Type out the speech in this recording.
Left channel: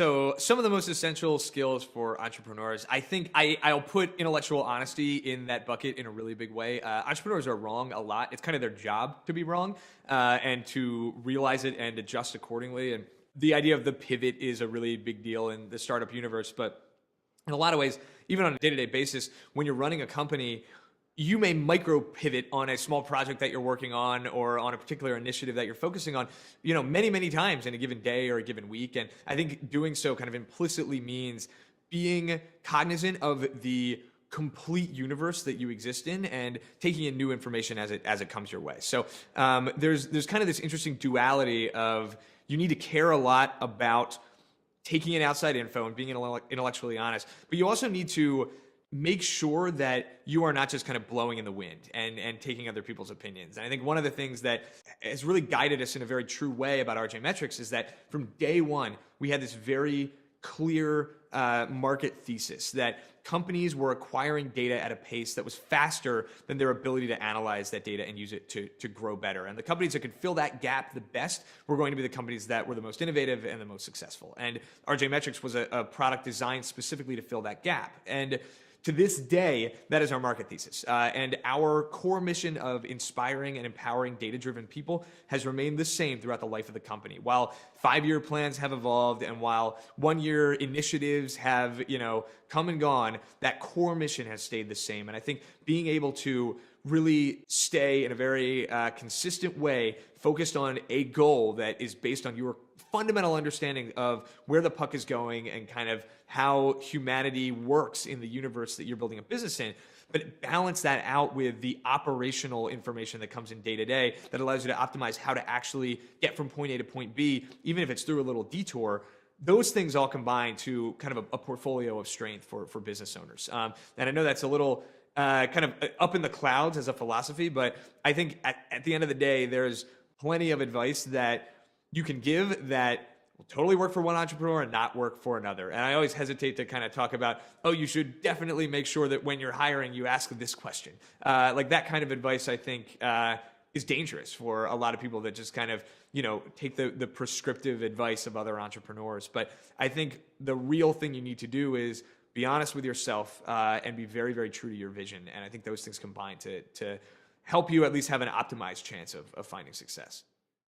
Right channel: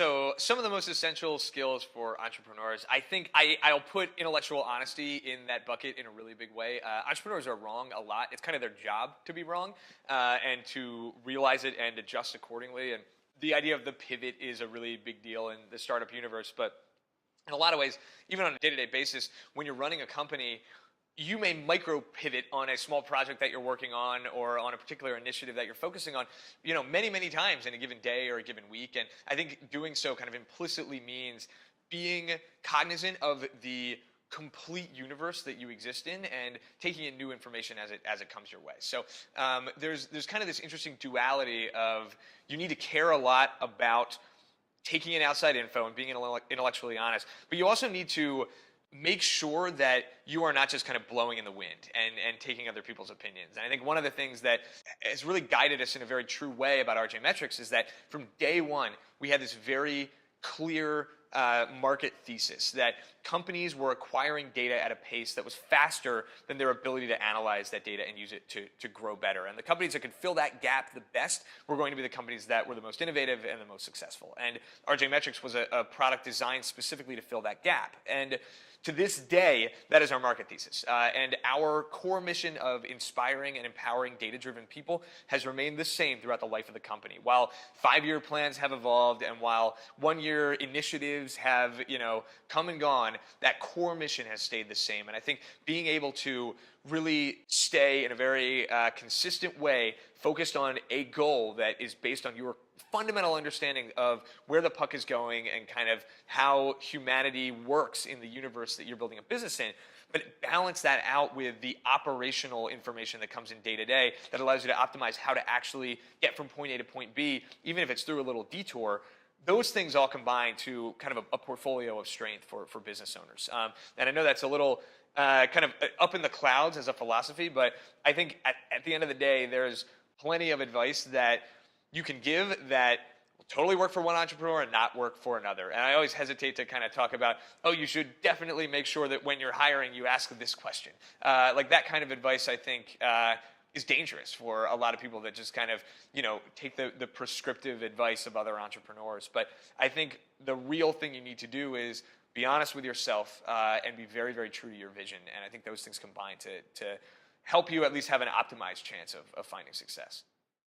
So some of the most essential skills for entrepreneurs, I think I'll put intellectual honesty in that bucket in a really big way. Entrepreneurs are wrong a lot. It's kind of their job to be wrong and to realize it and adjust accordingly. And the idea of the pivot is a really big deal in the startup universe. But in a lot of ways, even on a day-to-day basis, when you're running a company, you may micro pivot on a small project that you're working on or on a particular initiative that you're focusing on, many, many times in a given day or a given week. And I think doing so kind of implicitly means being cognizant of the complete universe that you exist in and taking in new information as it comes your way. So there's kind of this interesting duality of you need to care a lot about taking in outside info and being intellectually honest, but you also need to make sure that you are not just kind of blowing in the wind and taking other people's opinions. And I think one of the things that has really guided us in a very true way about RJMetrics is that from day one, we had this very clear market thesis that companies were acquiring data at a pace that was faster than their ability to analyze that data and use it to grow better. And the companies that can fill that gap the best were going to be the companies that were the most innovative and the most successful. And RJMetrics was a product designed specifically to fill that gap. And to this day, that is our market thesis. And our core mission of inspiring and empowering data-driven people has remained the same throughout the life of the company. While 5-year plans have evolved and while 1-year initiatives have, come and gone, that core mission has stayed the same. And I think being able to really stay in a very consistent way, focused on a goal that is based on your fundamental understanding of where the puck is going and kind of how humanity works in the universe that you're building a business in, but balance that out with the operational information that comes in day to day that allows you to optimize how to actually get from point A to point B, even if it's through a little detour. Those things all combine to kind of a portfolio of strength for business owners. And I know that's a little kind of up in the clouds as a philosophy, but I think at the end of the day, there's plenty of advice that you can give that will totally work for one entrepreneur and not work for another. And I always hesitate to kind of talk about, you should definitely make sure that when you're hiring, you ask this question. Like that kind of advice, I think, is dangerous for a lot of people that just kind of, take the prescriptive advice of other entrepreneurs. But I think the real thing you need to do is be honest with yourself and be very, very true to your vision. And I think those things combine to help you at least have an optimized chance of finding success.